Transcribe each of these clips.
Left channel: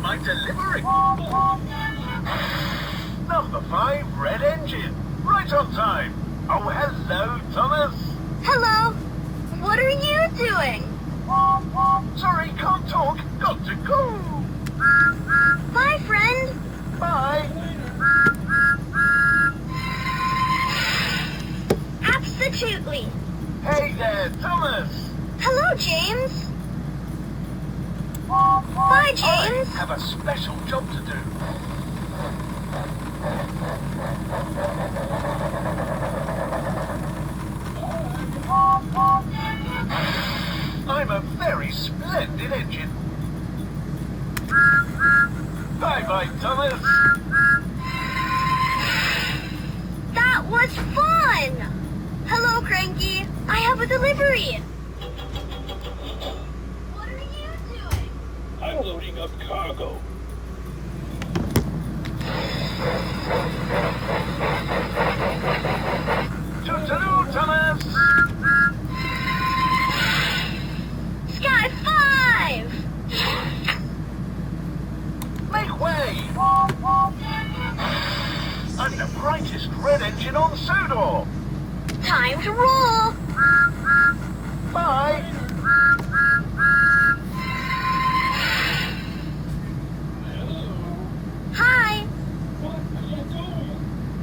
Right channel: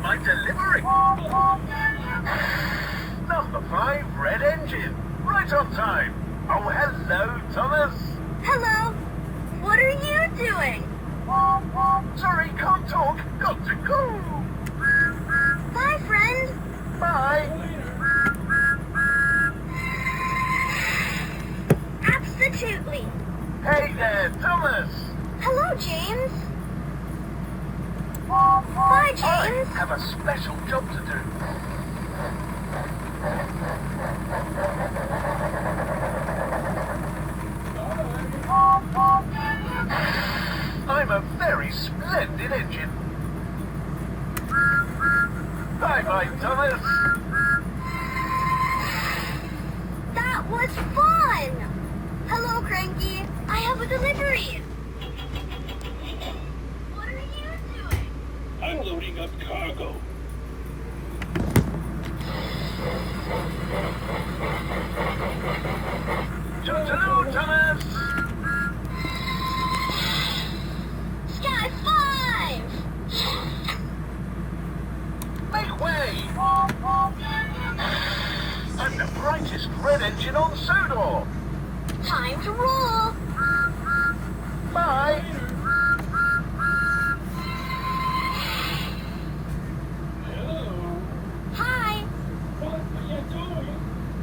my delivery. Number 5, red engine. Right on time. Oh, hello, Thomas. Hello. What are you doing? Sorry, can't talk. Got to go. Bye, friend. Bye. Absolutely. Hey there, Thomas. Hello, James. Bye, James. I have a special job to do. I'm a very splendid engine. Bye-bye, Thomas. That was fun. Hello, Cranky. I have a delivery. What are you doing? I'm loading up cargo. Toodaloo, Thomas. Sky 5. Make way. I'm the brightest red engine on Sodor. Time to roll. Bye. Hi. What are you doing?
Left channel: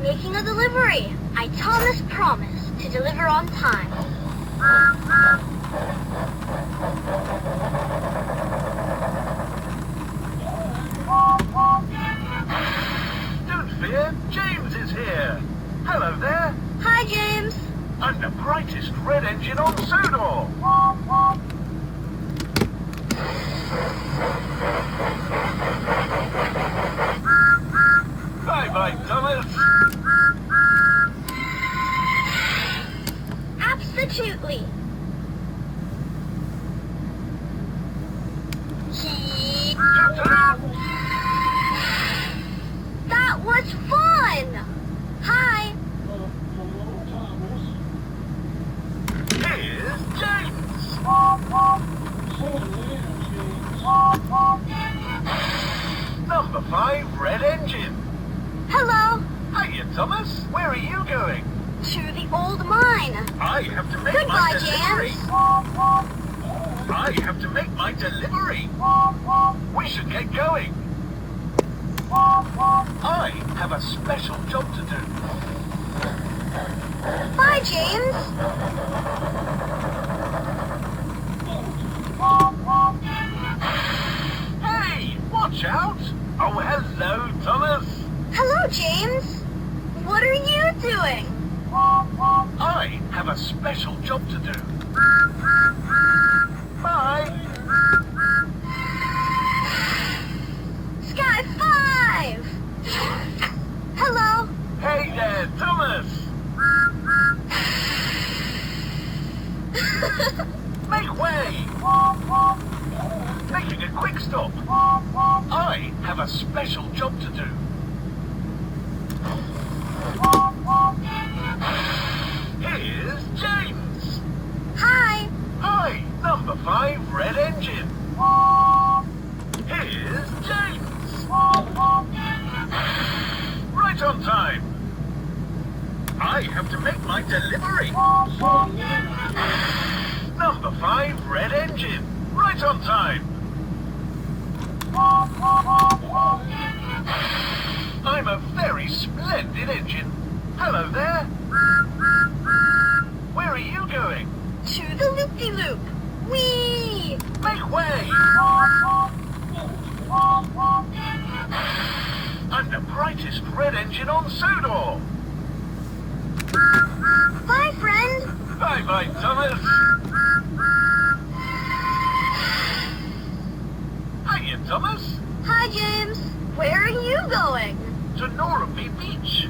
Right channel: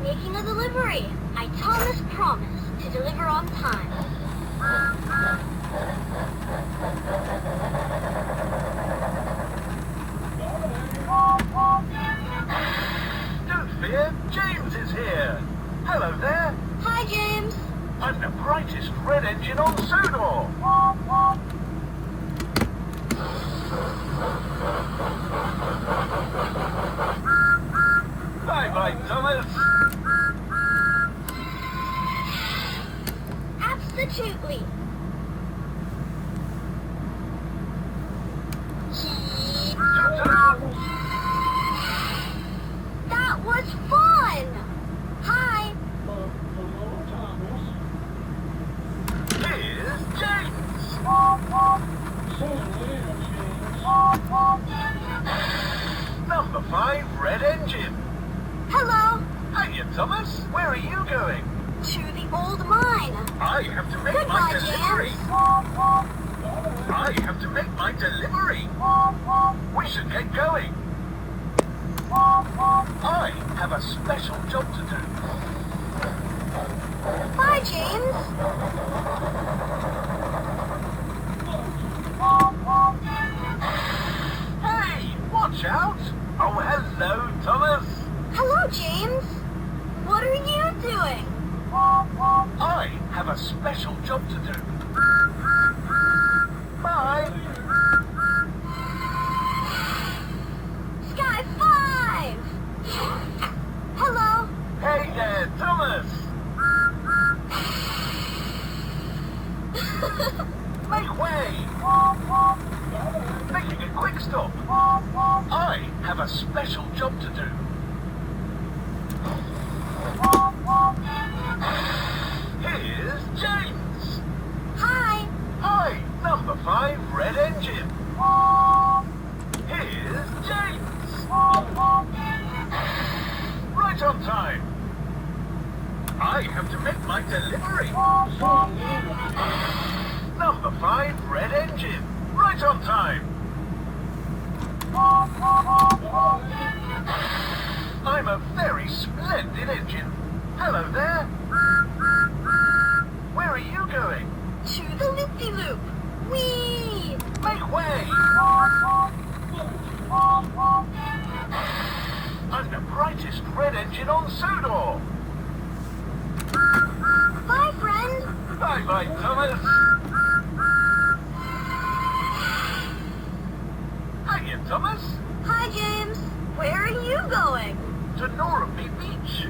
Making a delivery. I Thomas promised to deliver on time. Don't fear, James is here. Hello there. Hi, James. I'm the brightest red engine on Sodor. Bye-bye, Thomas. Absolutely. Toodaloo. That was fun. Hi. Hello, Thomas. Here's James. See you later, James. Number 5, red engine. Hello. Hiya, Thomas. Where are you going? To the old mine. I have to make my Goodbye, delivery. James. I have to make my delivery. We should get going. I have a special job to do. Bye, James. Hey, watch out. Oh, hello, Thomas. Hello, James. What are you doing? I have a special job to do. Bye. Sky 5. Hello. Hey there, Thomas. Make way. Making a quick stop. I have a special job to do. Here's James. Hi. Hi, number 5, red engine. Here's James. Right on time. I have to make my delivery. Number 5, red engine. Right on time. I'm a very splendid engine. Hello there. Where are you going? To the loop-de-loop. Whee! Make way. I'm the brightest red engine on Sodor. Bye, friend. Bye-bye, Thomas. Hiya, Thomas. Hi, James. Where are you going? To Norrby Beach.